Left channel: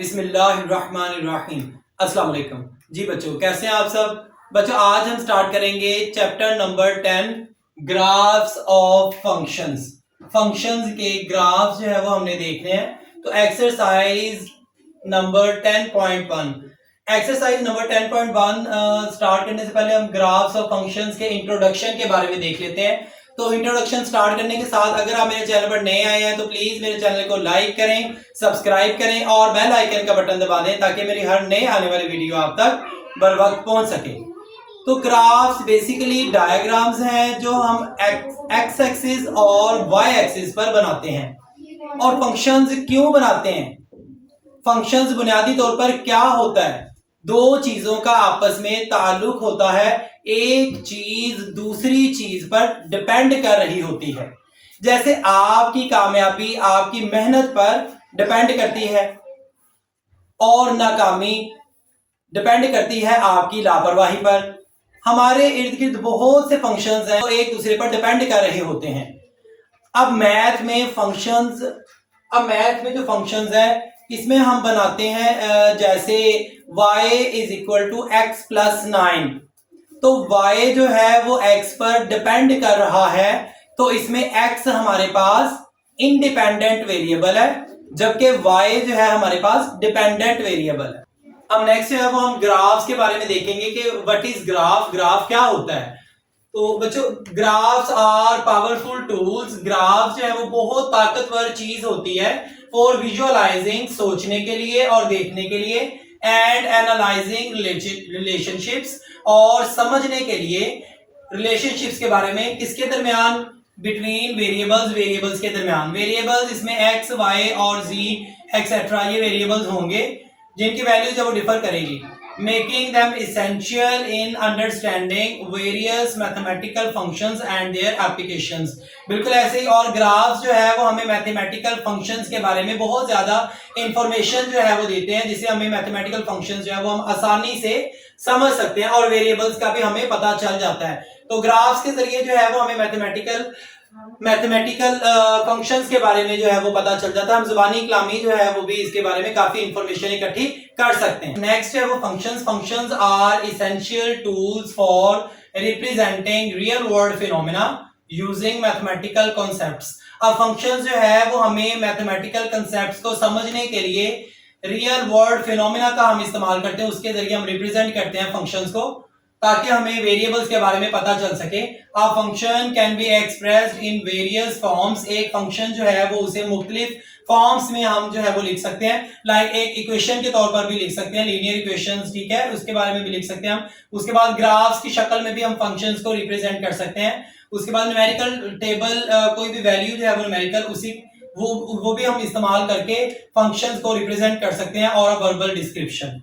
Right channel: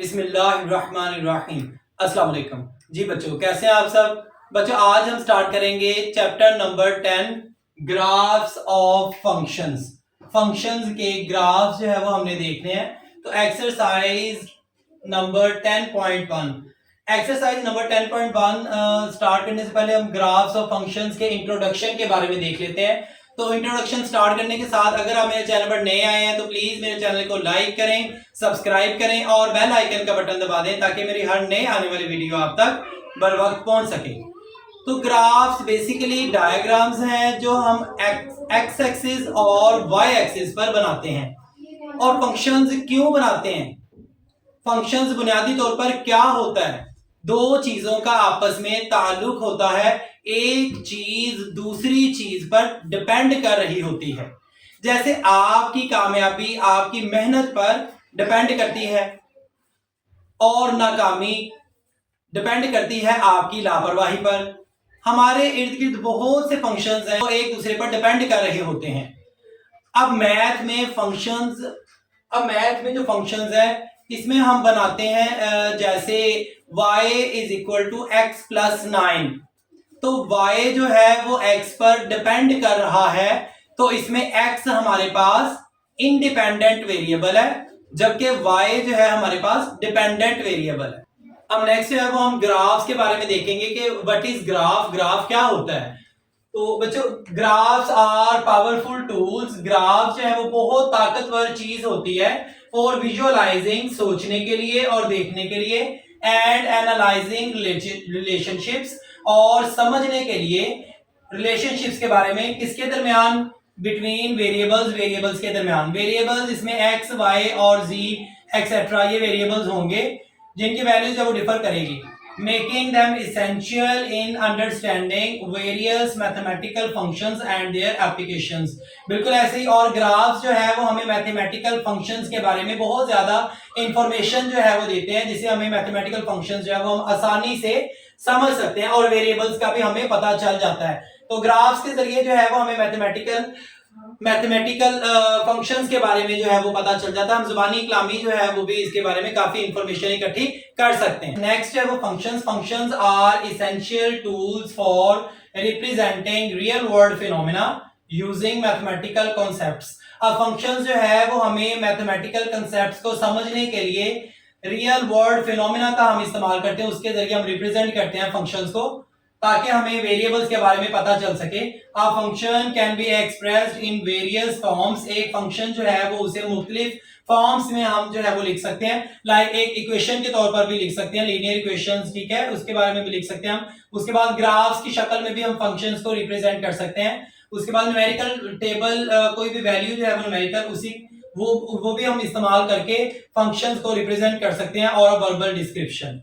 बिस्मिल्लाहिर्रहमानिर्रहीम। अस्सलाम वालेकुम। जी बच्चों, कैसे हैं आप सब? बच्चों, आज हम स्टार्ट करेंगे chapter number 10, graphs of functions. Functions के ग्राफ्स जो है वो हमने देखने हैं। तो exercise number 10.1, exercise number 10.1 start करने से पहले हम ग्राफ्स ऑफ फंक्शंस के इंट्रोडक्शन के बारे में देख लेते हैं। तो इंट्रोडक्शन स्टार्ट करने के साथ अगर आप मेरे चैनल पर नए आए हैं तो प्लीज मेरे चैनल को लाइक करें, सब्सक्राइब करें और बेल आइकन का बटन दबा दें ताकि मेरी हर नए आने वाली वीडियो आप तक बर वक्त पहुंच सके। तो ग्राफ्स बेसिकली डायग्राम्स हैं जो हम एक्स एक्सिस और वाई एक्सिस पर बनाते हैं। और फंक्शंस क्यों बनाते हैं? फंक्शंस बुनियादी तौर पर क्या होता है? दो चीजों का आपस में ताल्लुक होता है, एक चीज दूसरी चीज पर डिपेंड कर रही होती है। जैसे आपकी कामयाबी आपकी मेहनत पर डिपेंड करती है और नाकामी डिपेंड करती है आपकी लापरवाही पर। हमारे इर्द गिर्द बहुत से फंक्शंस हैं जो एक दूसरे पर डिपेंड कर रहे होते हैं। अब मैथ में जो फंक्शंस है इसमें हम बनाते हैं जैसे y is equal to X plus 9। तो y जो है वो x पर डिपेंड कर रहा है, तो इसमें x हमारे पास इंडिपेंडेंट वेरिएबल है जबकि y जो है हमारे पास डिपेंडेंट वेरिएबल है। अब नेक्स्ट है वो हम ग्राफ्स के बारे में देखेंगे कि व्हाट इज ग्राफ, ग्राफ क्या होता है। तो बच्चों, graphs are powerful tools. Graph जो है वो बहुत ताकतवर चीज होती है फॉर विजुअलाइजिंग, सोचने के लिए और देखने के लिए, एंड एनालाइजिंग रिलेशनशिप्स, और समझने के लिए रिलेशनशिप्स के बारे में। किसके दरमियान? बिटवीन वेरिएबल्स, वेरिएबल्स के दरमियान। वेरिएबल्स इसमें एक्स, वाई और जी एक्सेट्रा ये वेरिएबल्स होंगे जिनकी वैल्यू जब वो डिफर करेगी, making them essential in understanding various mathematical functions and their applications. बिल्कुल ऐसे ही। और ग्राफ्स जो है वो हमें मैथमेटिकल फंक्शंस के बारे में बहुत ज्यादा इंफॉर्मेशन जो है वो देते हैं, जिससे हमें मैथमेटिकल फंक्शंस जो है वो हम आसानी से समझ सकते हैं और वेरिएबल्स का भी हमें पता चल जाता है। तो ग्राफ्स के जरिए जो है वो हमें मैथमेटिकल फंक्शंस के बारे में जो है वो पता चल जाता है। हम जुबानी कलामी जो है वो भी इसके बारे में काफी इंफॉर्मेशन इकट्ठी कर सकते हैं। नेक्स्ट है वो functions. Functions are essential tools for representing real world phenomena using mathematical concepts. अब फंक्शंस जो है वो हमें मैथमेटिकल कॉन्सेप्ट्स को समझने के लिए रियल वर्ल्ड फिनोमेना का हम इस्तेमाल करते हैं, उसके जरिए हम रिप्रेजेंट करते हैं फंक्शंस को ताकि हमें वेरिएबल्स के बारे में पता चल सके। A function can be expressed in various forms. एक फंक्शन जो है वो उसे मुख्तलिफ फॉर्म्स में हम जो है वो लिख सकते हैं। लाइक एक इक्वेशन के तौर पर भी लिख सकते हैं, लीनियर इक्वेशंस, ठीक है, उसके बारे में भी लिख सकते हैं हम। उसके बाद ग्राफ्स की शक्ल में भी हम फंक्शंस को रिप्रेजेंट कर सकते हैं। उसके बाद न्यूमेरिकल टेबल, कोई भी वैल्यू जो है वो न्यूमेरिकल उसी वो भी हम इस्तेमाल करके फंक्शंस को रिप्रेजेंट कर सकते हैं। और verbal description,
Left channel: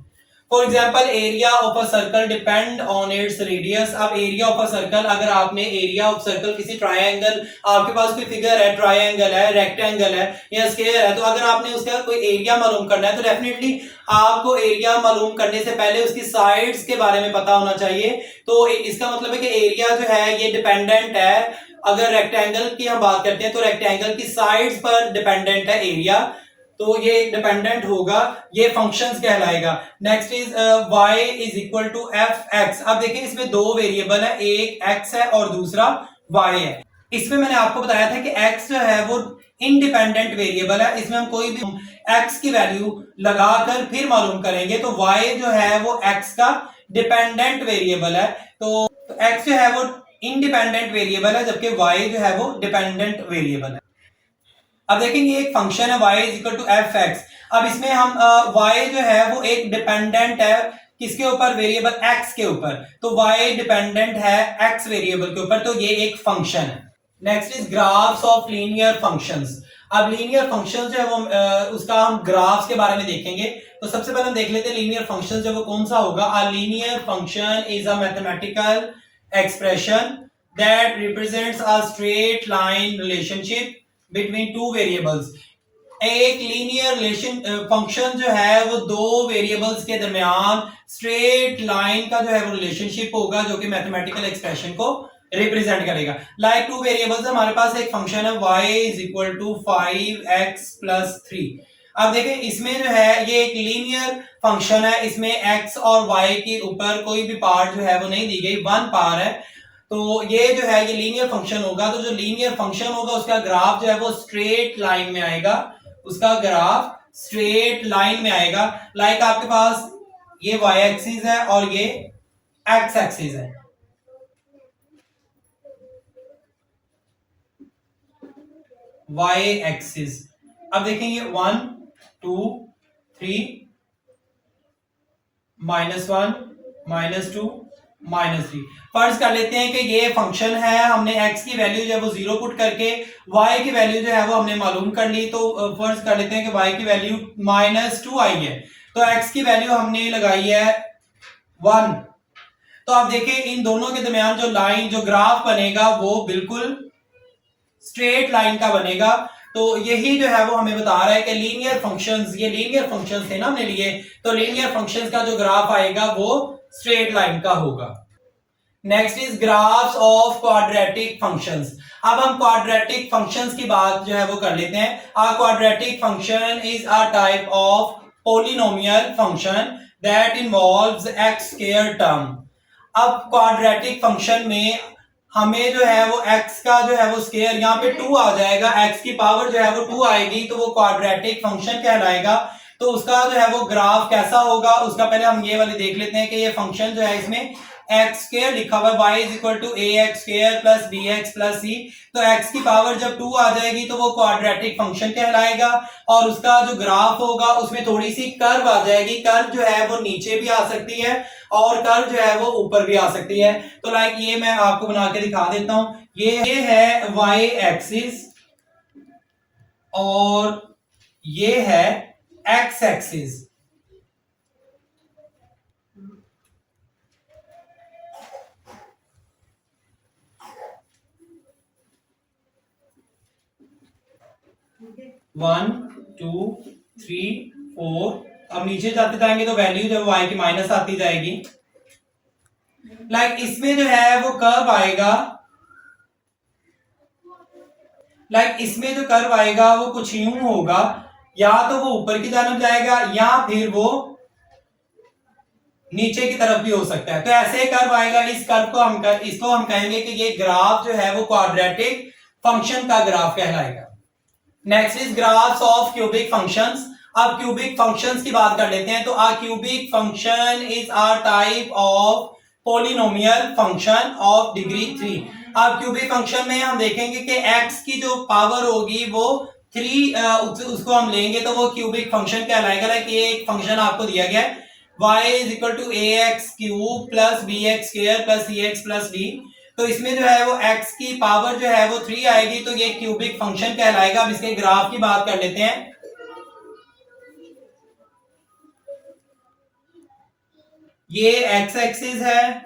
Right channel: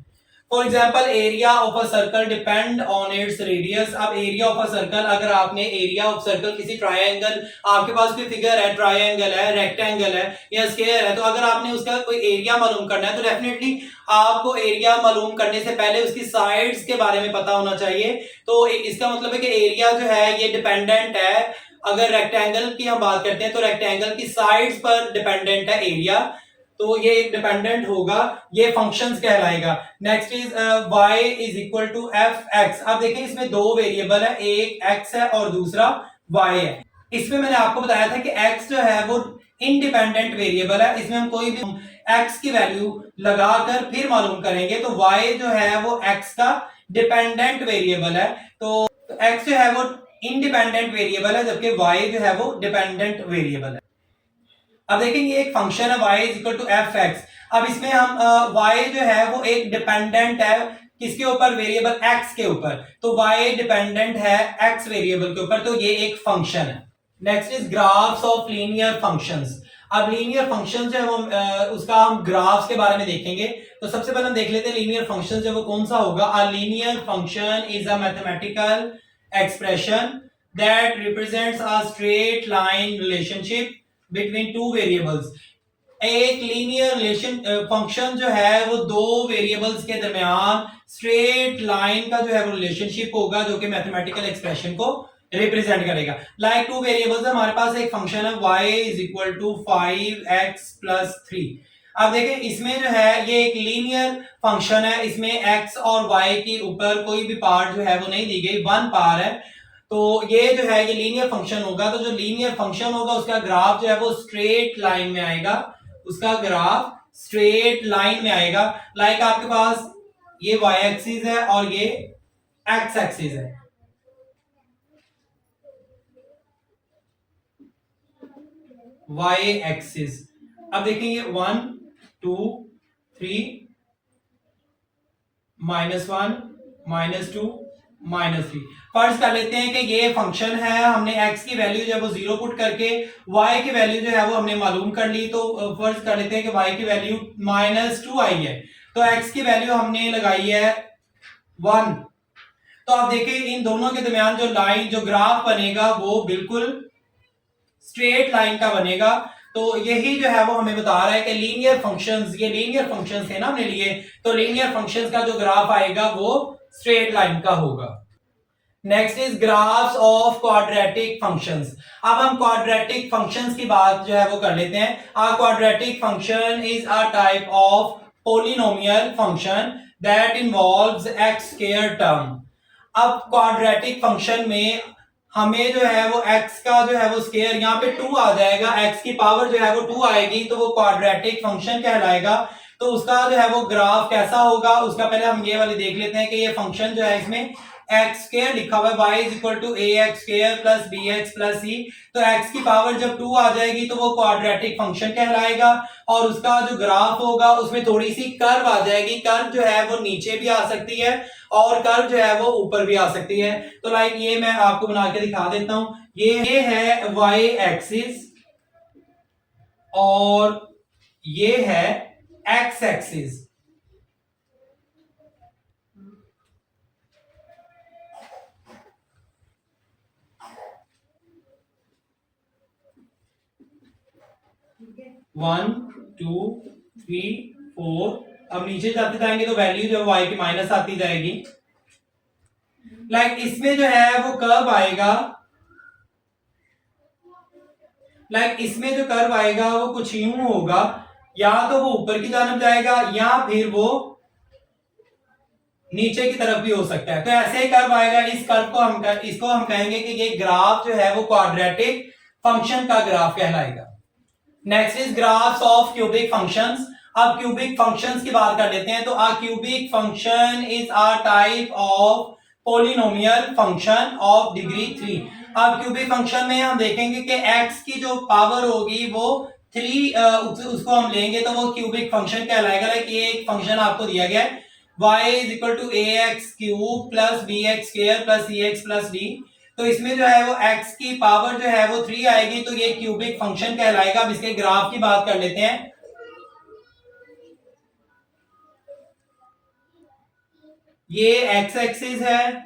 for example area of a circle depend on its radius. अब एरिया ऑफ अ सर्कल, अगर आपने एरिया ऑफ सर्कल किसी ट्रायंगल, आपके पास कोई फिगर है, ट्रायंगल है, रेक्टेंगल है या स्क्वायर है, तो अगर आपने उसका कोई एरिया मालूम करना है तो डेफिनेटली आपको एरिया मालूम करने से पहले उसकी साइड्स के बारे में पता होना चाहिए। तो इसका मतलब है कि एरिया जो है ये डिपेंडेंट है। अगर रेक्टेंगल की हम बात करते हैं तो रेक्टेंगल की साइड्स पर डिपेंडेंट है एरिया, तो ये डिपेंडेंट होगा, ये फंक्शंस कहलाएगा। Next is y is equal to F X. अब देखिए इसमें दो वेरिएबल है, एक x है और दूसरा y है। इसमें मैंने आपको बताया था कि x जो है वो इंडिपेंडेंट वेरिएबल है, इसमें हम कोई भी x की वैल्यू लगाकर फिर मालूम करेंगे तो y जो है वो x का डिपेंडेंट वेरिएबल है। तो x जो है वो इंडिपेंडेंट वेरिएबल है जबकि y जो है वो डिपेंडेंट वेरिएबल है। अब देखेंगे एक फंक्शन है y is equal to F X. अब इसमें हम y जो है वो एक डिपेंडेंट है किसके ऊपर? वेरिएबल x के ऊपर। तो y डिपेंडेंट है x वेरिएबल के ऊपर, तो ये एक फंक्शन है। Next is graphs of linear functions. अब लीनियर फंक्शन जो है वो उसका हम ग्राफ्स के बारे में देखेंगे। तो सबसे पहले हम देख लेते हैं लीनियर फंक्शन जो वो कौन सा होगा। A linear function is a mathematical expression that represents a straight line relationship between two variables. एक लीनियर रिलेशन फंक्शन जो है वो दो वेरिएबल्स के दरमियान स्ट्रेट लाइन का जो है वो रिलेशनशिप होगा जो कि मैथमेटिकल एक्सप्रेशन को रिप्रेजेंट करेगा। लाइक टू वेरिएबल्स, हमारे पास एक फंक्शन है y is equal to 5x plus 3। अब देखें इसमें जो है ये एक लीनियर फंक्शन है, इसमें x और y के ऊपर कोई भी पार्ट जो है वो नहीं दी गई, वन पार है। तो ये जो है ये लीनियर फंक्शन होगा, तो जो लीनियर फंक्शन होगा उसका ग्राफ जो है वो स्ट्रेट लाइन में आएगा, उसका ग्राफ स्ट्रेट लाइन में आएगा। लाइक आपके पास ये y एक्सिस है और ये x एक्सिस है, y एक्सिस। अब देखेंगे 1 2 3 -1 -2 -3। फर्ज कर लेते हैं कि ये फंक्शन है, हमने x की वैल्यू जो है वो 0 पुट करके y की वैल्यू जो है वो हमने मालूम कर ली। तो फर्ज कर लेते हैं कि y की वैल्यू -2 आई है, तो x की वैल्यू हमने लगाई है 1। तो आप देखें इन दोनों के दरमियान जो लाइन जो ग्राफ बनेगा वो बिल्कुल स्ट्रेट लाइन का बनेगा। तो यही जो है वो हमें बता रहा है कि लीनियर फंक्शंस, ये लीनियर फंक्शंस थे ना हमने लिए, तो लीनियर फंक्शंस का जो ग्राफ आएगा वो स्ट्रेट लाइन का होगा। Next is graphs of quadratic functions. अब हम क्वाड्रेटिक फंक्शंस की बात जो है वो कर लेते हैं। A quadratic function is a type of polynomial function that involves x square term. अब क्वाड्रेटिक फंक्शन में हमें जो है वो x का जो है वो स्क्वायर, यहाँ पे 2 आ जाएगा, x की पावर जो है वो 2 आएगी, तो वो क्वाड्रेटिक फंक्शन कहलाएगा। तो उसका जो है वो ग्राफ कैसा होगा, उसका पहले हम ये वाले देख लेते हैं कि ये फंक्शन जो है इसमें एक्स स्क्वायर लिखा हुआ है, y is equal to A X square plus B X plus C. तो x की पावर जब 2 आ जाएगी तो वो क्वाड्रेटिक फंक्शन कहलाएगा। और उसका जो ग्राफ होगा उसमें थोड़ी सी कर्व आ जाएगी, कर्व जो है वो नीचे भी आ सकती है और कर्व जो है वो ऊपर भी आ सकती है। तो लाइक ये मैं आपको बना के दिखा देता हूं, ये है y एक्सिस और ये है x axis. One two three four, अब नीचे जाते जाएंगे तो वैल्यू जो y की माइनस आती जाएगी। लाइक इसमें जो है वो कर्व आएगा, लाइक इसमें जो कर्व आएगा वो कुछ यूं होगा, या तो वो ऊपर की जानब जाएगा या फिर वो नीचे की तरफ भी हो सकता है। तो ऐसे कर्व आएगा, इस कर्व को इसको हम कहेंगे कि ये ग्राफ जो है वो क्वाड्रेटिक फंक्शन का ग्राफ कहलाएगा। Next is graphs of cubic functions. अब क्यूबिक फंक्शंस की बात कर लेते हैं। तो a cubic function is a type of polynomial function of degree 3। अब क्यूबिक फंक्शन में हम देखेंगे कि x की जो पावर होगी वो 3, उसको हम लेंगे तो वो क्यूबिक फंक्शन कहलाएगा। लाइक ये एक फंक्शन आपको दिया गया है, y is equal to A X cube plus B X square plus C X plus D. तो इसमें जो है वो x की पावर जो है वो 3 आएगी, तो ये क्यूबिक फंक्शन कहलाएगा। अब इसके ग्राफ की बात कर लेते हैं। ये x एक्सिस है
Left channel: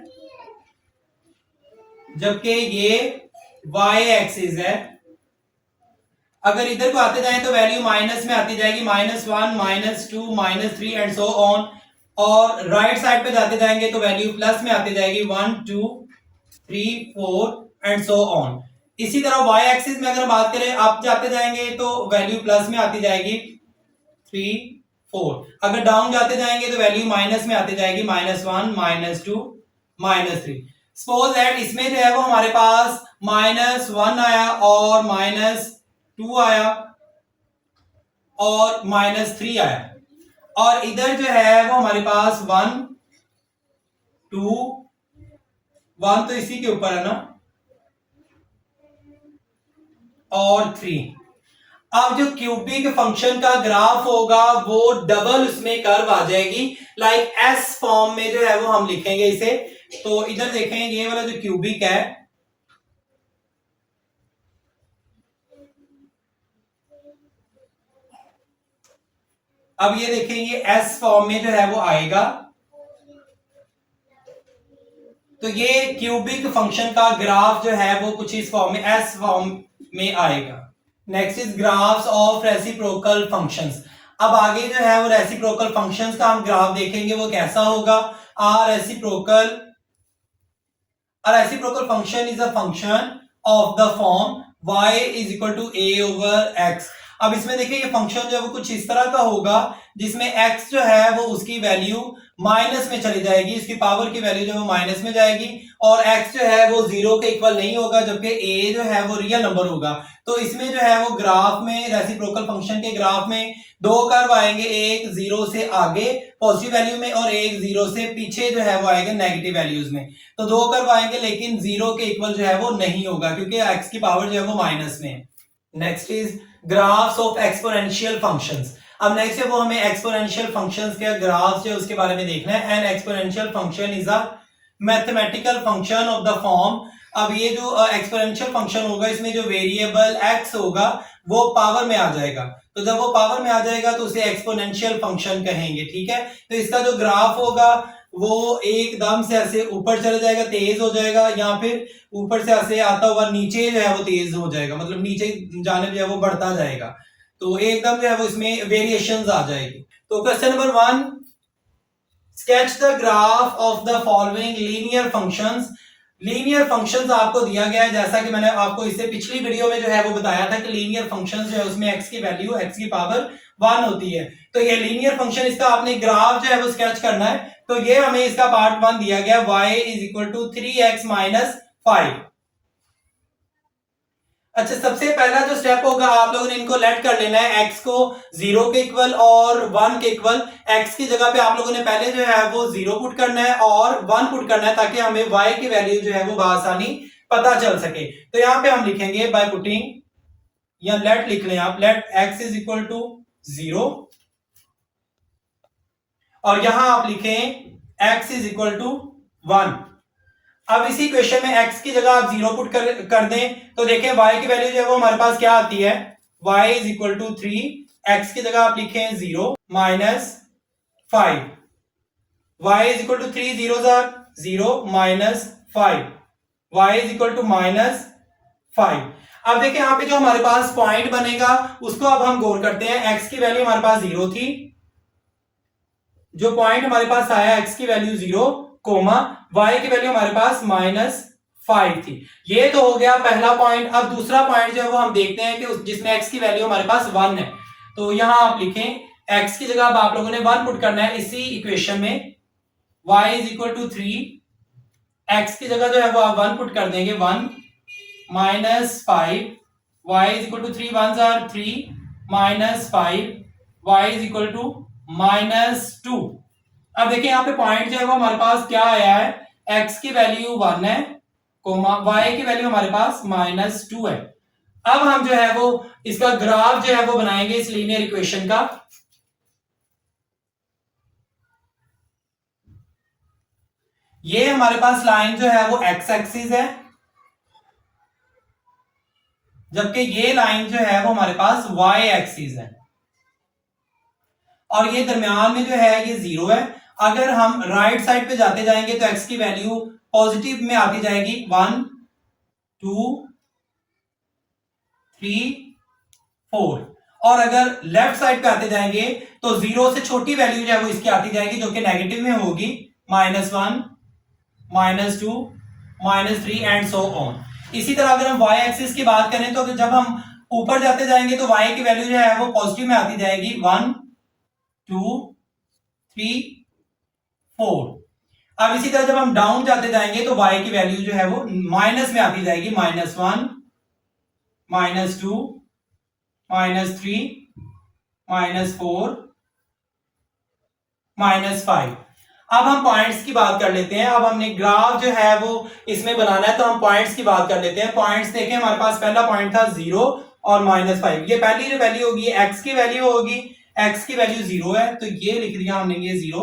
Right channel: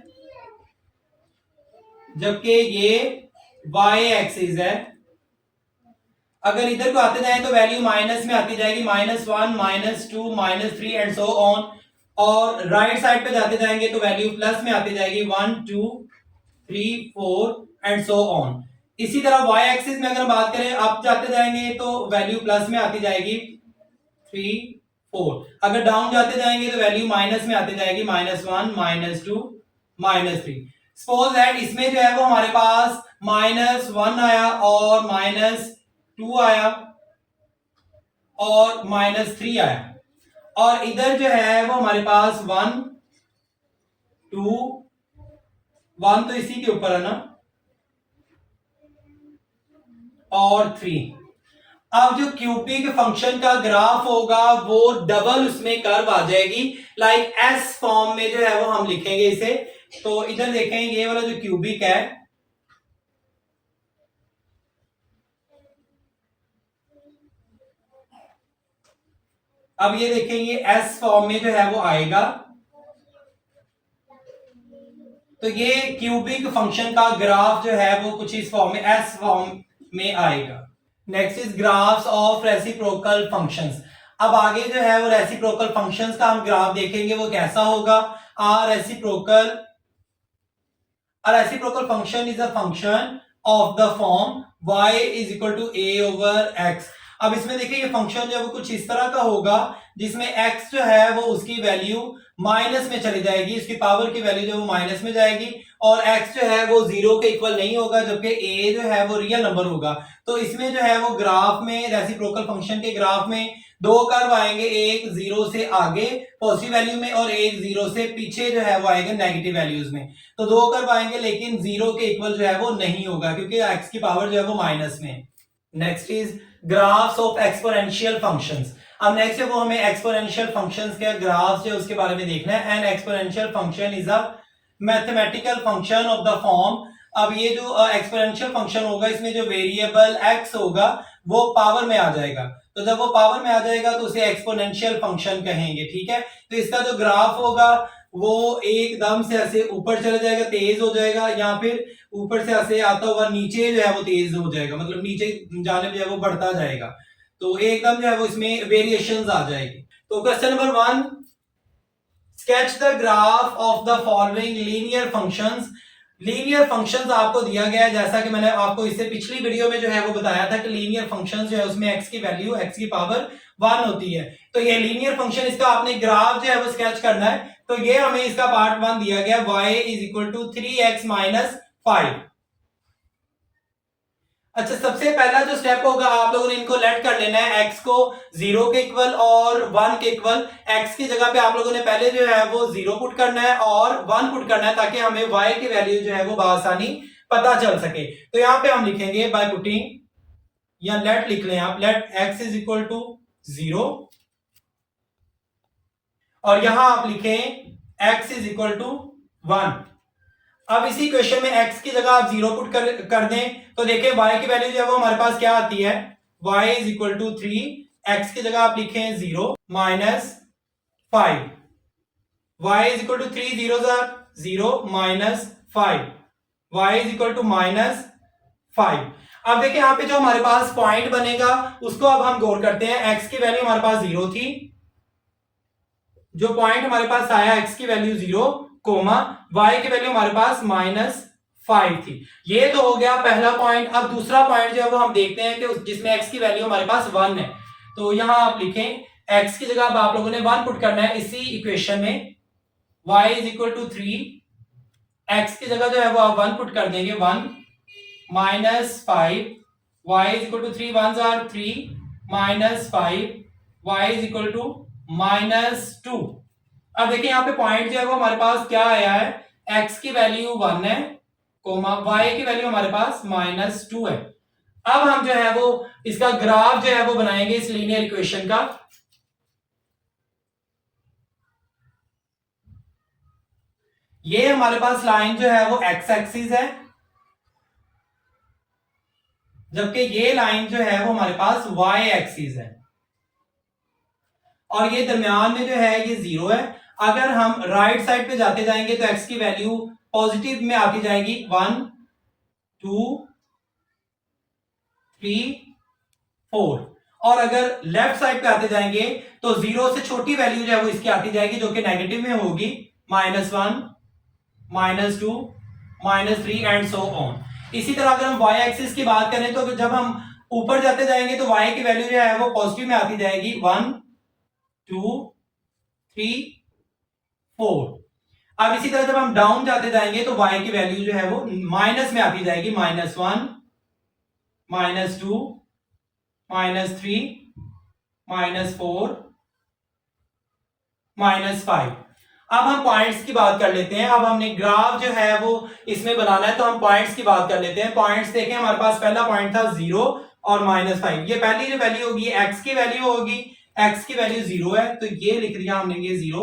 जबकि ये y एक्सिस है। अगर इधर को आते जाए तो वैल्यू माइनस में आती जाएगी, -1 -2 -3 एंड सो ऑन। और राइट साइड पे जाते जाएंगे तो वैल्यू प्लस में आती जाएगी, 1 2 3 4 एंड सो ऑन। इसी तरह y एक्सिस में अगर बात करें, आप जाते जाएंगे तो वैल्यू प्लस में आती जाएगी 3 4। अगर डाउन जाते जाएंगे तो वैल्यू माइनस में आती जाएगी, -1 -2 -3। सपोज दैट इसमें जो है वो हमारे पास -1 आया और -2 आया और -3 आया, और इधर जो है वो हमारे पास 1 2 1 तो इसी के ऊपर है ना, और 3। अब जो क्यूबिक फंक्शन का ग्राफ होगा वो डबल उसमें कर्व आ जाएगी, लाइक एस फॉर्म में जो है वो हम लिखेंगे इसे। तो इधर देखें ये वाला जो क्यूबिक है, अब ये देखें ये एस फॉर्म में जो है वो आएगा। तो ये क्यूबिक फंक्शन का ग्राफ जो है वो कुछ इस फॉर्म में, एस फॉर्म में आएगा। Next is graphs of reciprocal functions. अब आगे जो है वो रेसिप्रोकल फंक्शंस का हम ग्राफ देखेंगे वो कैसा होगा। Reciprocal function is a function of the form y is equal to a over x। अब इसमें देखिए ये फंक्शन जो है वो कुछ इस तरह का होगा जिसमें x जो है वो उसकी वैल्यू माइनस में चली जाएगी, इसकी पावर की वैल्यू जो है वो माइनस में जाएगी और x जो है वो 0 के इक्वल नहीं होगा, जबकि a जो है वो रियल नंबर होगा। तो इसमें जो है वो ग्राफ में, रेसिप्रोकल फंक्शन के ग्राफ में दो कर्व आएंगे, एक 0 से आगे पॉजिटिव वैल्यू में और एक 0 से पीछे जो है वो आएंगे नेगेटिव वैल्यूज में। तो दो कर्व आएंगे लेकिन 0 के इक्वल जो है वो नहीं होगा क्योंकि x की पावर जो है वो माइनस में। Next is graphs of exponential functions. अब नेक्स्ट है वो हमें एक्सपोनेंशियल फंक्शंस के ग्राफ जो है उसके बारे में देखना है। N exponential function is a mathematical function of the form. अब ये जो एक्सपोनेंशियल फंक्शन होगा इसमें जो वेरिएबल x होगा वो पावर में आ जाएगा, तो जब वो पावर में आ जाएगा तो उसे एक्सपोनेंशियल फंक्शन कहेंगे, ठीक है। तो इसका जो ग्राफ होगा वो एकदम से ऐसे ऊपर चले जाएगा, तेज हो जाएगा, या फिर ऊपर से ऐसे आता हुआ नीचे जो है वो तेज हो जाएगा, मतलब नीचे जाने जो है वो बढ़ता जाएगा। तो एकदम जो है वो इसमें वेरिएशंस आ जाएगी। तो question number 1, sketch the graph of the following linear functions. Linear functions आपको दिया गया है, जैसा कि मैंने आपको इससे पिछली वीडियो में जो है वो बताया था कि लीनियर फंक्शंस जो है उसमें x की वैल्यू x की पावर 1 होती है। तो ये लीनियर फंक्शन, इसका आपने ग्राफ जो है वो स्केच करना है। तो ये हमें इसका पार्ट 1 दिया गया, y is equal to 3x minus 5। अच्छा, सबसे पहला जो स्टेप होगा आप लोगों ने इनको लेट कर लेना है, x को 0 के इक्वल और 1 के इक्वल। x की जगह पे आप लोगों ने पहले जो है वो 0 पुट करना है और 1 पुट करना है ताकि हमें y की वैल्यू जो है वो बआसानी पता चल सके। तो यहां पे हम लिखेंगे बाय पुटिंग, या लेट लिख लें आप, let x is equal to 0 और यहां आप लिखें x इज इक्वल टू 1। अब इसी क्वेश्चन में x की जगह आप 0 पुट कर दें तो देखिए y की वैल्यू जो है वो हमारे पास क्या आती है, y is equal to 3, x की जगह आप लिखें 0 minus 5, y is equal to 3 zeros are 0 minus 5, y is equal to minus 5। अब देखिए यहां पे जो हमारे पास पॉइंट बनेगा उसको अब हम गौर करते हैं। x की वैल्यू हमारे पास 0 थी, जो पॉइंट हमारे पास आया x की वैल्यू 0 कोमा y की वैल्यू हमारे पास माइनस 5 थी। ये तो हो गया पहला पॉइंट। अब दूसरा पॉइंट जो है वो हम देखते हैं कि जिसमें x की वैल्यू हमारे पास 1 है। तो यहां आप लिखें x की जगह अब आप लोगों ने 1 पुट करना है इसी इक्वेशन में, y is equal to 3, x की जगह जो है वो आप 1 पुट कर देंगे 1 minus 5, y is equal to 3 1s are 3 minus 5, y is equal to minus 2। अब देखिए यहाँ पे पॉइंट जो है वो हमारे पास क्या आया है, x की वैल्यू 1 है कोमा y की वैल्यू हमारे पास माइनस 2 है। अब हम जो है वो इसका ग्राफ जो है वो बनाएंगे इस लीनियर इक्वेशन का। ये हमारे पास लाइन जो है वो x एक्सिस है, जबकि ये लाइन जो है वो हमारे पास y एक्सिस है और ये दरमियान में जो है ये 0 है। अगर हम राइट साइड पे जाते जाएंगे तो x की वैल्यू पॉजिटिव में आती जाएगी 1 2 3 4, और अगर लेफ्ट साइड पे आते जाएंगे तो 0 से छोटी वैल्यू जो है वो इसकी आती जाएगी जो कि नेगेटिव में होगी, -1 -2 -3 एंड सो ऑन। इसी तरह अगर हम y एक्सिस की बात करें तो जब हम ऊपर जाते जाएंगे तो y की वैल्यू जो है वो पॉजिटिव में आती जाएगी 1 2 3 4। अब इसी तरह जब हम डाउन जाते जाएंगे तो y की वैल्यू जो है वो माइनस में आती जाएगी, -1 -2 -3 -4 -5। अब हम पॉइंट्स की बात कर लेते हैं। अब हमने ग्राफ जो है वो इसमें बनाना है तो हम पॉइंट्स की बात कर लेते हैं। पॉइंट्स देखें, हमारे पास पहला पॉइंट था 0 और -5। ये पहली जो वैल्यू होगी x की वैल्यू होगी, x की वैल्यू 0 है तो ये लिख दिया हमने ये 0,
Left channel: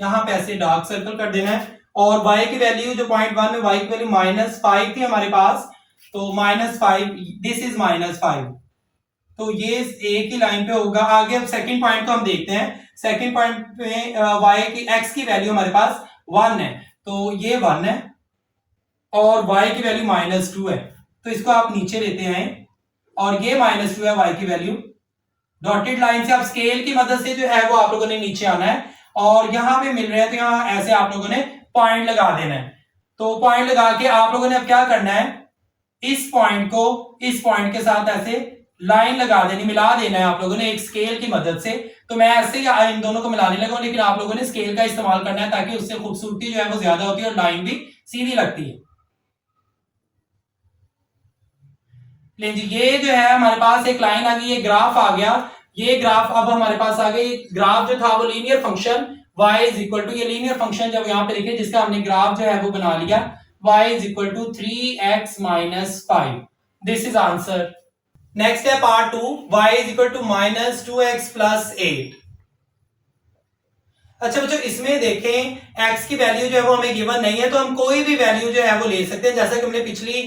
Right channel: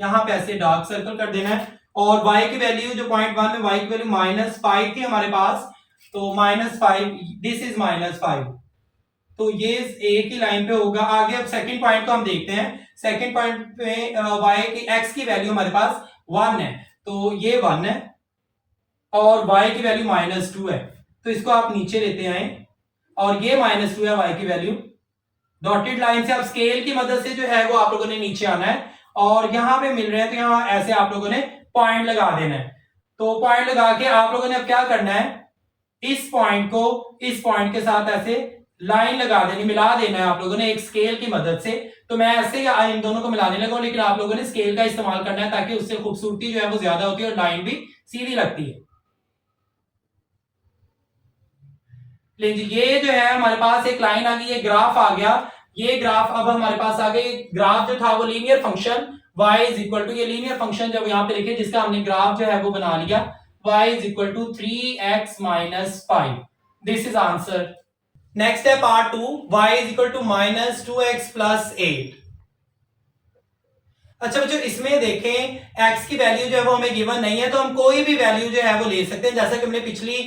यहां पे ऐसे डार्क सर्कल कर देना है। और y की वैल्यू जो पॉइंट 1 में y की वैल्यू -5 थी हमारे पास, तो -5, दिस इज -5, तो ये एक ही लाइन पे होगा। आगे अब सेकंड पॉइंट को हम देखते हैं। सेकंड पॉइंट पे y की x की वैल्यू हमारे पास 1 है तो ये 1 है और y की वैल्यू -2 है, तो इसको आप नीचे लेते आए और ये -2 है y की वैल्यू। डॉटेड लाइन से आप स्केल की मदद से जो है वो आप लोगों ने नीचे आना है और यहां पे मिल रहे हैं तो यहां ऐसे आप लोगों ने पॉइंट लगा देना है। तो पॉइंट लगा के आप लोगों ने अब क्या करना है, इस पॉइंट को इस पॉइंट के साथ ऐसे लाइन लगा देनी, मिला देना है आप लोगों ने एक स्केल की मदद से। तो मैं ऐसे ही इन दोनों को मिलाने लगा हूं, लेकिन आप लोगों ने स्केल का इस्तेमाल करना है ताकि उससे खूबसूरती जो है वो ज्यादा होती है और लाइन भी सीधी लगती है। लेकिन ये जो है हमारे पास एक लाइन आ गई, ये ग्राफ आ गया। ये ग्राफ अब हमारे पास आ गई। ग्राफ जो था वो linear function y is equal to, ये लीनियर फंक्शन जब यहां पे लिखे जिसका हमने ग्राफ जो है वो बना लिया, y is equal to 3x minus 5। This is answer. Next है part 2, y is equal to minus 2x plus 8। अच्छा बच्चों, इसमें देखें x की वैल्यू जो है वो हमें गिवन नहीं है, तो हम कोई भी वैल्यू जो है वो ले सकते हैं। जैसा कि हमने पिछली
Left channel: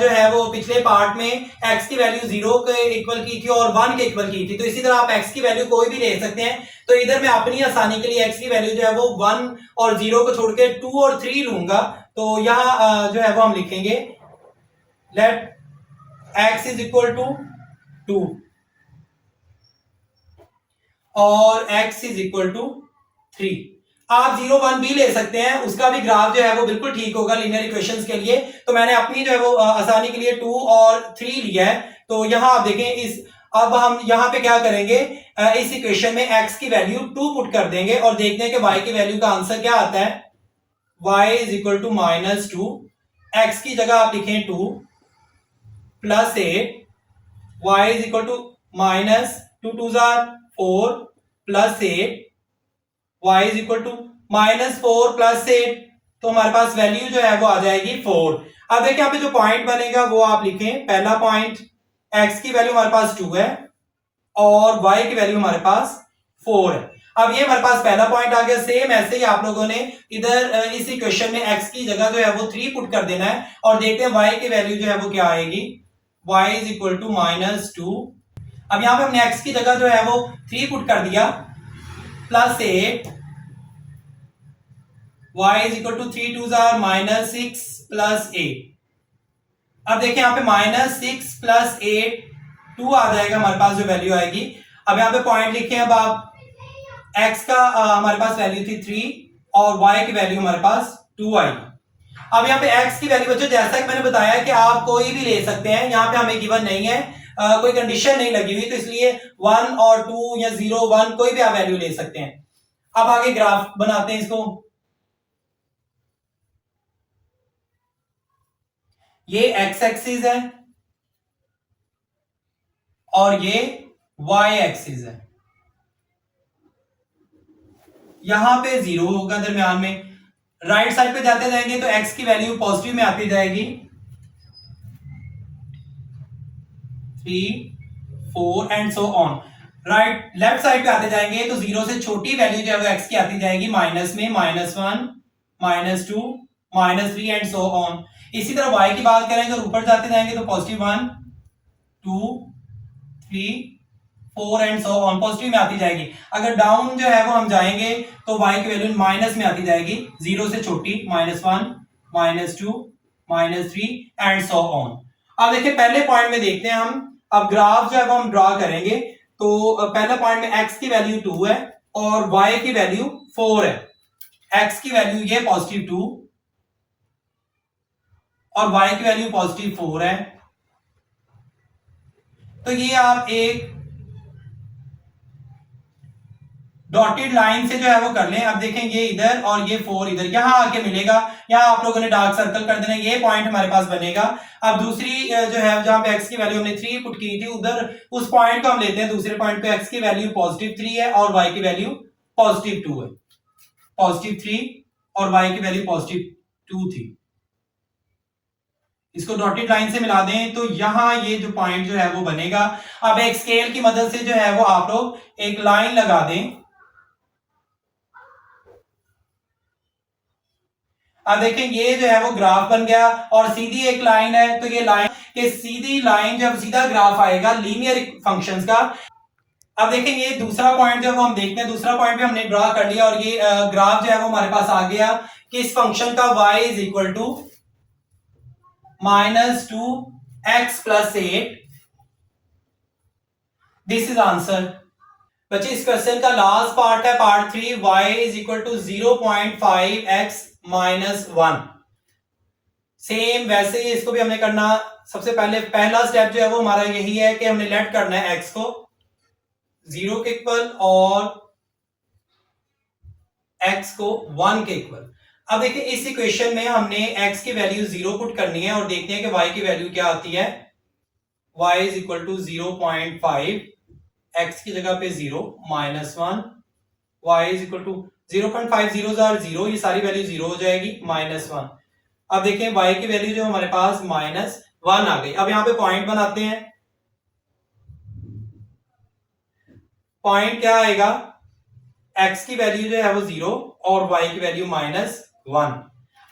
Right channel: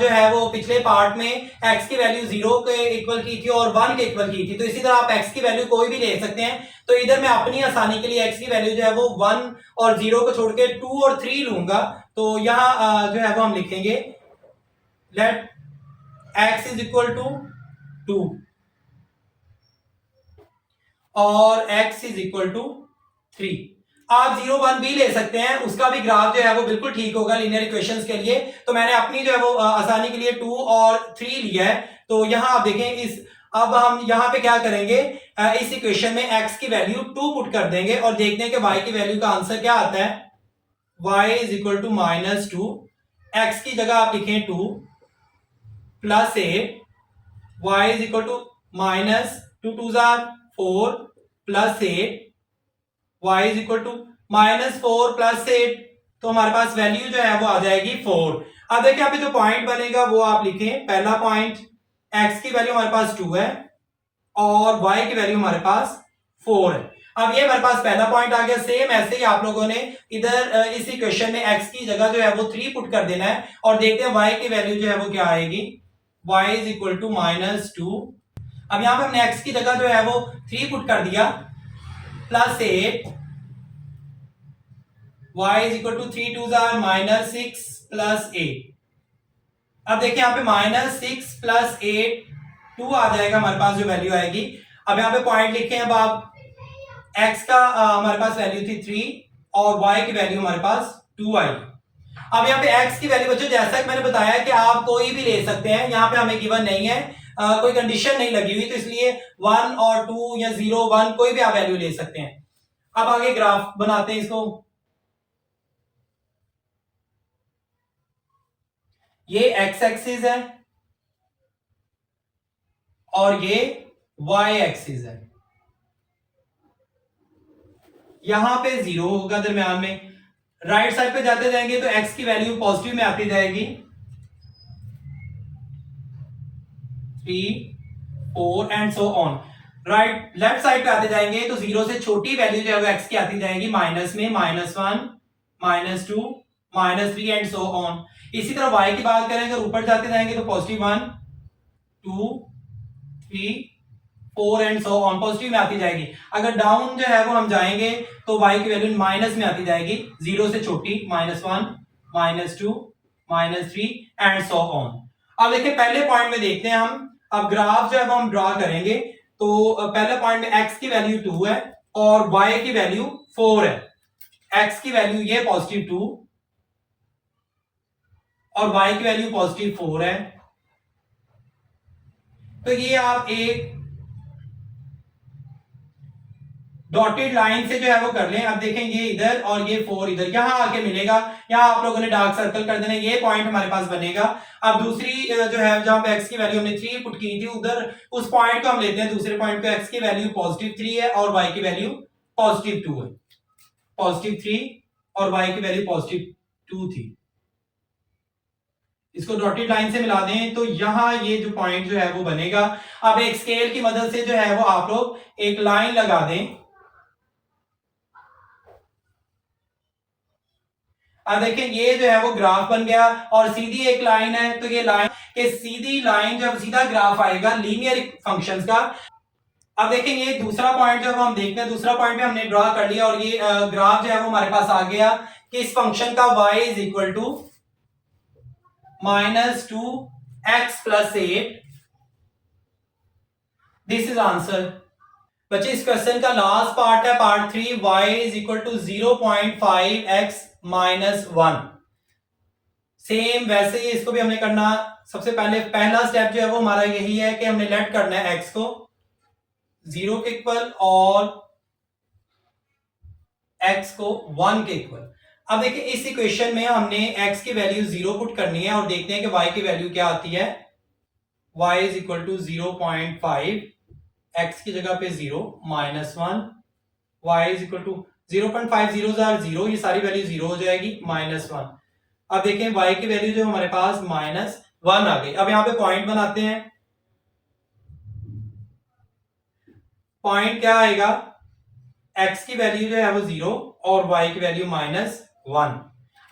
जो है वो पिछले पार्ट में x की वैल्यू 0 के इक्वल की थी और 1 के इक्वल की थी, तो इसी तरह आप x की वैल्यू कोई भी ले सकते हैं। तो इधर मैं अपनी आसानी के लिए x की वैल्यू जो है वो 1 और 0 को छोड़ के 2 और 3 लूंगा। तो यहाँ जो है वो हम लिखेंगे let x is equal to 2 और x इज इक्वल टू 3। आप 0 1 भी ले सकते हैं, उसका भी ग्राफ जो है वो बिल्कुल ठीक होगा लीनियर इक्वेशंस के लिए। तो मैंने अपनी जो है वो आसानी के लिए 2 और 3 लिया है। तो यहां आप देखें इस, अब हम यहां पे क्या करेंगे, इस इक्वेशन में x की वैल्यू 2 पुट कर देंगे और देखते हैं कि y की वैल्यू का आंसर क्या आता है। y is equal to minus 2, x की जगह आप लिखें 2 plus 8, y is equal to minus 2 2 4 plus 8, y is equal to minus 4 plus 8। तो हमारे पास वैल्यू जो है वो आ जाएगी 4। अब देखिए यहाँ पे जो पॉइंट बनेगा वो आप लिखें, पहला पॉइंट x की वैल्यू हमारे पास 2 है और y की वैल्यू हमारे पास 4 है। अब ये हमारे पास पहला पॉइंट आ गया। सेम ऐसे ही आप लोगों ने इधर इस इक्वेशन में x की जगह जो है वो 3 पुट कर देना है और देखते हैं y की वैल्यू जो है वो क्या आएगी। y is equal to minus 2। अब यहां पे हमने x की जगह जो है वो 3 पुट कर दिया plus 8, y is equal to 3 2 minus 6 plus 8। अब देखिए यहाँ पे माइनस 6 प्लस 8 2 आ जाएगा हमारे पास जो वैल्यू आएगी। अब यहाँ पे पॉइंट लिखे, अब आप x का हमारे पास वैल्यू थी 3 और y की वैल्यू हमारे पास 2 आई। अब यहाँ पे x की वैल्यू बच्चों जैसा कि मैंने बताया कि आप कोई भी ले सकते हैं, यहाँ पे हमें गिवन नहीं है, कोई कंडीशन नहीं लगी हुई, तो इसलिए 1 और 2 या 0 1 कोई भी आप वैल्यू ले सकते हैं। अब आगे ग्राफ बनाते हैं इसको। ये x एक्सिस है और ये y एक्सिस है। यहां पे 0 होगा दरमियान में। राइट साइड पे जाते जाएंगे तो x की वैल्यू पॉजिटिव में आती जाएगी, 3 4 and so on. Right left side पे आते जाएंगे तो 0 से छोटी वैल्यू जो है वो x की आती जाएगी माइनस में, -1 -2 -3 एंड सो ऑन। इसी तरह y की बात करें तो ऊपर जाते जाएंगे तो +1 2 3 4 एंड सो ऑन पॉजिटिव में आती जाएगी। अगर डाउन जो है वो हम जाएंगे तो y की वैल्यू माइनस में आती जाएगी, 0 से छोटी -1 -2 -3 एंड सो ऑन। अब देखिए पहले पॉइंट में देखते हैं हम। अब ग्राफ जो है वो हम ड्रॉ करेंगे। तो पहले पॉइंट में x की वैल्यू 2 है और y की वैल्यू 4 है। x की वैल्यू ये पॉजिटिव 2 और y की वैल्यू पॉजिटिव 4 है। तो ये आप एक डॉटेड लाइन से जो है वो कर लें। अब देखें ये इधर और ये 4 इधर, यहां आके मिलेगा। यहां आप लोगों ने डार्क सर्कल कर देना, ये पॉइंट हमारे पास बनेगा। अब दूसरी जो है जहां पे x की वैल्यू हमने 3 पुट की थी, उधर उस पॉइंट को हम लेते हैं। दूसरे पॉइंट पे x की वैल्यू पॉजिटिव 3 है और y की वैल्यू पॉजिटिव 2 है। पॉजिटिव 3 और y की वैल्यू पॉजिटिव 2 थी। इसको डॉटेड लाइन से मिला दें तो यहां ये जो पॉइंट जो है वो बनेगा। अब एक स्केल की मदद से जो है वो आप लोग एक लाइन लगा दें। अब देखें ये जो है वो ग्राफ बन गया और सीधी एक लाइन है, तो ये लाइन के सीधी लाइन जब सीधा ग्राफ आएगा लीनियर फंक्शंस का। अब देखें ये दूसरा पॉइंट जब हम देखते हैं, दूसरा पॉइंट भी हमने ड्रॉ कर लिया और ये ग्राफ जो है वो हमारे पास आ गया कि इस फंक्शन का y is equal to -2x plus 8। This is answer. बच्चे इस क्वेश्चन का लास्ट पार्ट है part 3, y is equal to 0.5x -1। Same वैसे ही इसको भी हमने करना सबसे पहला स्टेप जो है वो हमारा यही है कि हमने लेट करना है x को 0 के इक्वल और x को 1 के इक्वल। अब देखिए इस इक्वेशन में हमने x की वैल्यू 0 पुट करनी है और देखते हैं कि y की वैल्यू क्या आती है। y is equal to 0.5, x की जगह पे 0 -1, y इज इक्वल टू 0.5 0 ये सारी वैल्यू 0 हो जाएगी -1। अब देखें y की वैल्यू जो हमारे पास -1 आ गई। अब यहां पे पॉइंट बनाते हैं। पॉइंट क्या आएगा, x की वैल्यू जो है वो 0 और y की वैल्यू -1।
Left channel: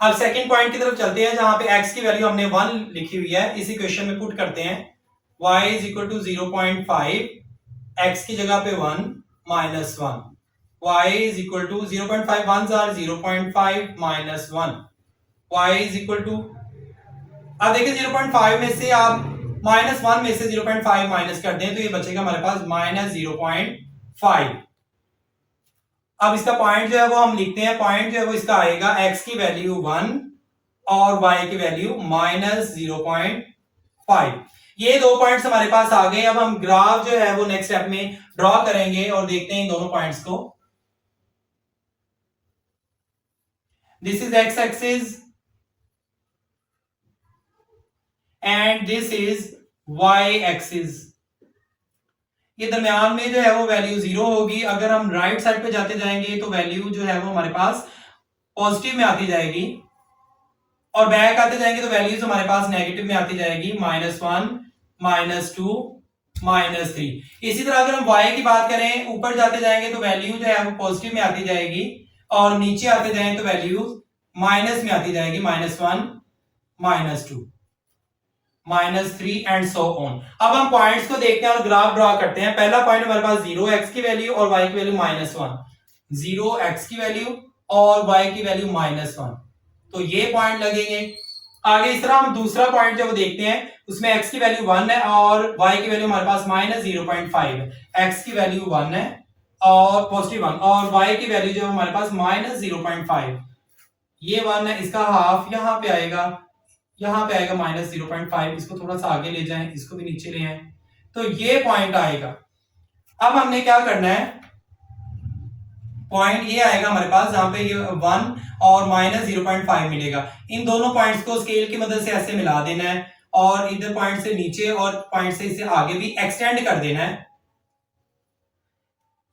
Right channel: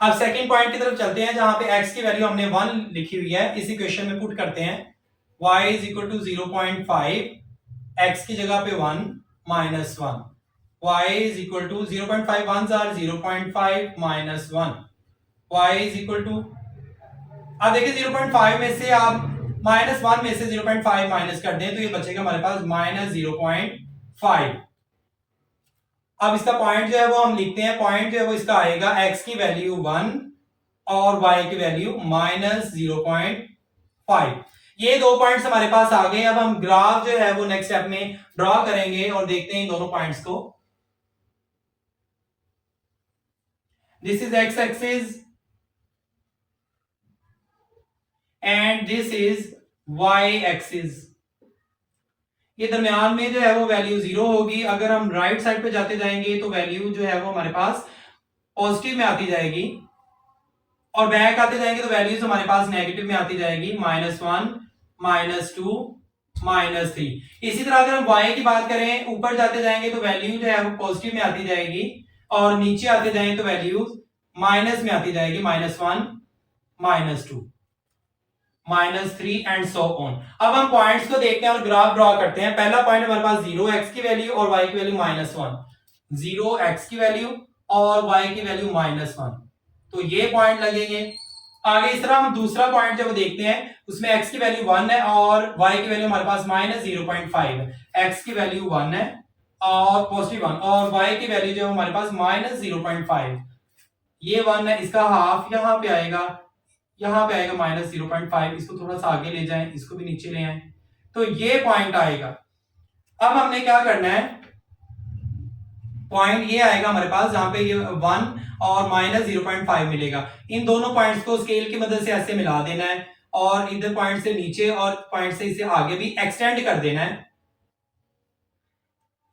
अब सेकंड पॉइंट की तरफ चलते हैं जहां पे x की वैल्यू हमने 1 लिखी हुई है। इस इक्वेशन में पुट करते हैं y is equal to 0.5, x की जगह पे 1 -1, y is equal to 0.5 1 are 0.5 -1, y is equal to, अब देखिए 0.5 में से आप -1 में से 0.5 माइनस कर दें तो ये बचेगा हमारे पास -0.5। अब इसका पॉइंट जो है वो हम लिखते हैं। पॉइंट जो है वो इसका आएगा x की वैल्यू 1 और y की वैल्यू -0.5। ये दो पॉइंट्स हमारे पास आ गए। अब हम ग्राफ जो है वो नेक्स्ट स्टेप में ड्रॉ करेंगे और देखते हैं इन दोनों पॉइंट्स को। This is x axis and this is y axis. ये दरमियान में जो है वो वैल्यू 0 होगी। अगर हम राइट साइड पे जाते जाएंगे तो वैल्यू जो है वो हमारे पास पॉजिटिव में आती जाएगी और बैक आते जाएंगे तो वैल्यूज हमारे पास नेगेटिव में आती जाएगी, -1 -2 -3। इसी तरह अगर हम y की बात करें, ऊपर जाते जाएंगे तो वैल्यू जो है वो पॉजिटिव में आती जाएगी और नीचे आते जाएं तो वैल्यू माइनस में आती जाएगी, -1 -2 -3 एंड सो ऑन। अब हम पॉइंट्स को देखते हैं और ग्राफ ड्रॉ करते हैं। पहला पॉइंट हमारे पास 0x की वैल्यू और y की वैल्यू -1, 0x की वैल्यू और y की वैल्यू -1, तो ये पॉइंट लगेंगे। आगे इस तरह हम दूसरा पॉइंट जब देखते हैं उसमें x की वैल्यू 1 है और y की वैल्यू हमारे पास -0.5 है। x की वैल्यू 1 है और पॉजिटिव 1 और y की वैल्यू जो हमारे पास -0.5, ये 1 है, इसका हाफ यहां पे आएगा, यहां पे आएगा -0.5। इसको थोड़ा सा आगे ले जाएं, इसको भी नीचे ले आएं, तो ये पॉइंट आएगा। अब हमने क्या करना है, पॉइंट ये आएगा हमारे पास जहां पे ये 1 और -0.5 मिलेगा। इन दोनों पॉइंट्स को स्केल की मदद से ऐसे मिला देना है और इधर पॉइंट से नीचे और पॉइंट से इसे आगे भी एक्सटेंड कर देना है।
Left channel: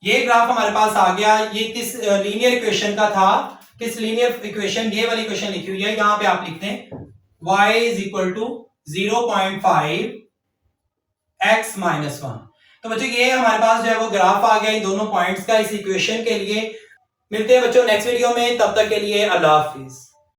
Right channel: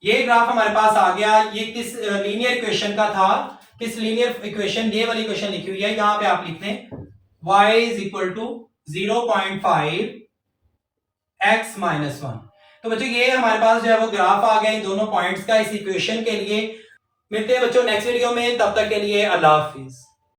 ये ग्राफ हमारे पास आ गया। ये किस लीनियर इक्वेशन का था, किस लीनियर इक्वेशन, ये वाली इक्वेशन लिखी हुई है। यहां पे आप लिखते हैं y is equal to 0.5 x minus 1। तो बच्चों ये हमारे पास जो है वो ग्राफ आ गया इन दोनों पॉइंट्स का इस इक्वेशन के लिए। मिलते हैं बच्चों नेक्स्ट वीडियो में, तब तक के लिए अल्लाह हाफिज।